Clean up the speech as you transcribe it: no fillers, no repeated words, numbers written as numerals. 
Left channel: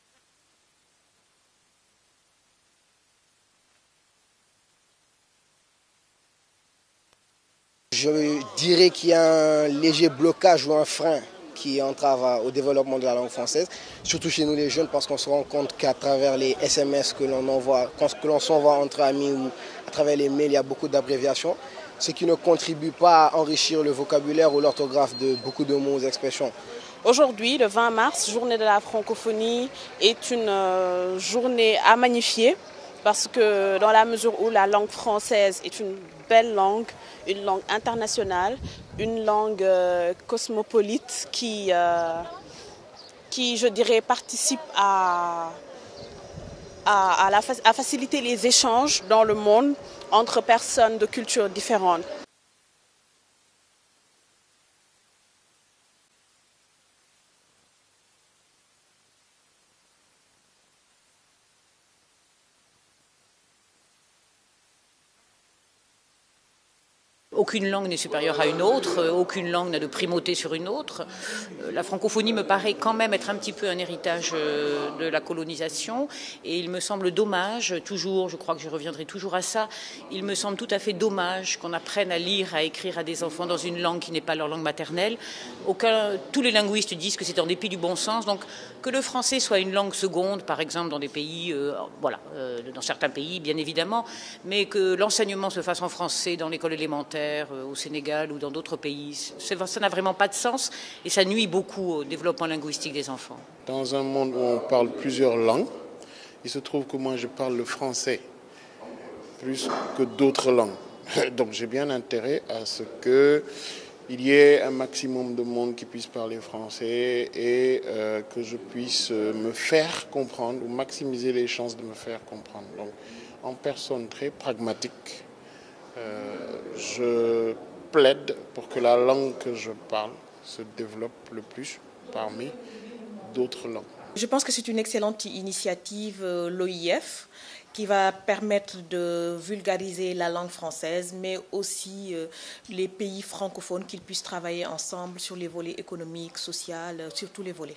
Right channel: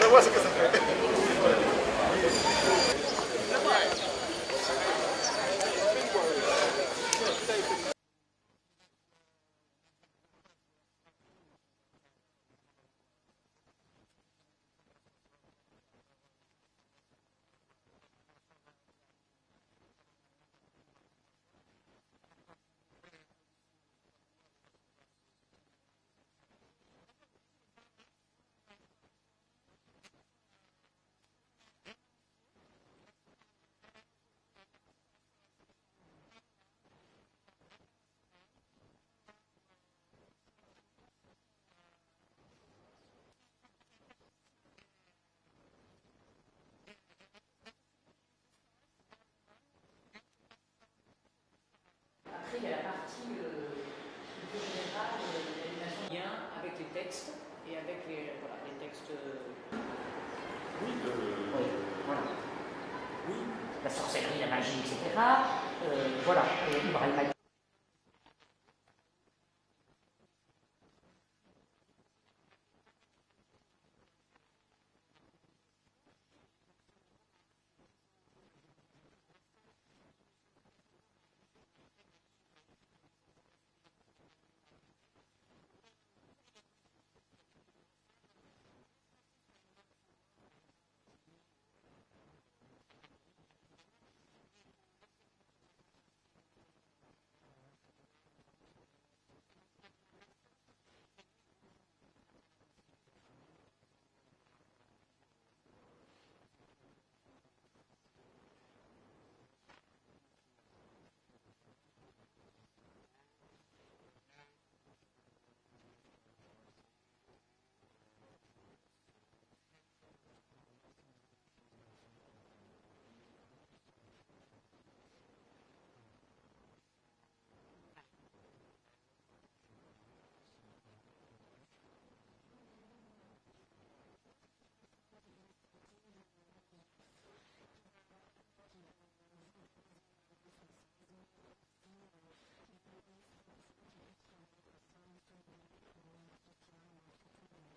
Je vois ce que ça fait. Je dirais qu'il y a un léger blocage ou un frein qui entrave au développement de la langue française, surtout chez nous les jeunes, parce qu'on se rend compte qu'à travers les SMS que l'on envoie, que l'on s'envoie entre amis ou à travers les mails, il y a beaucoup d'abréviations, ce qui ne contribue pas à enrichir le vocabulaire ou l'orthographe de beaucoup de mots et expressions. Aujourd'hui, le 20 mars, journée de la francophonie, est une journée à magnifier parce que dans la mesure où la langue française est une belle langue, une langue internationale, une langue cosmopolite qui, je dirais, participe à faciliter les échanges dans le monde entre personnes de cultures différentes. La sorcellerie, la magie, etc. Voilà. Aucune langue n'est supérieure à une autre, aucune langue n'a de primauté sur une autre. La francophonie me paraît quand même être un petit peu un héritage de la colonisation et il me semble dommage, toujours, je crois que je reviendrai toujours à ça, il me semble tout à fait dommage qu'on apprenne à lire, à écrire à des enfants dans une langue qui n'est pas leur langue maternelle. Tous les linguistes disent que c'est en dépit du bon sens, donc que le français soit une langue seconde, par exemple dans des pays, dans certains pays bien évidemment, mais que l'enseignement se fasse en français dans l'école élémentaire, au Sénégal ou dans d'autres pays, ça n'a vraiment pas de sens et ça nuit beaucoup au développement linguistique des enfants. Dans un monde où on parle plusieurs langues, il se trouve que moi je parle le français plus que d'autres langues. Donc j'ai bien intérêt à ce qu'il y ait un maximum de monde qui puisse parler français et que je puisse me faire comprendre ou maximiser les chances de me faire comprendre. Donc, en personne très pragmatique, je plaide pour que la langue que je parle se développe le plus parmi d'autres langues. Je pense que c'est une excellente initiative, l'OIF, qui va permettre de vulgariser la langue française, mais aussi les pays francophones, qu'ils puissent travailler ensemble sur les volets économiques, sociaux, sur tous les volets.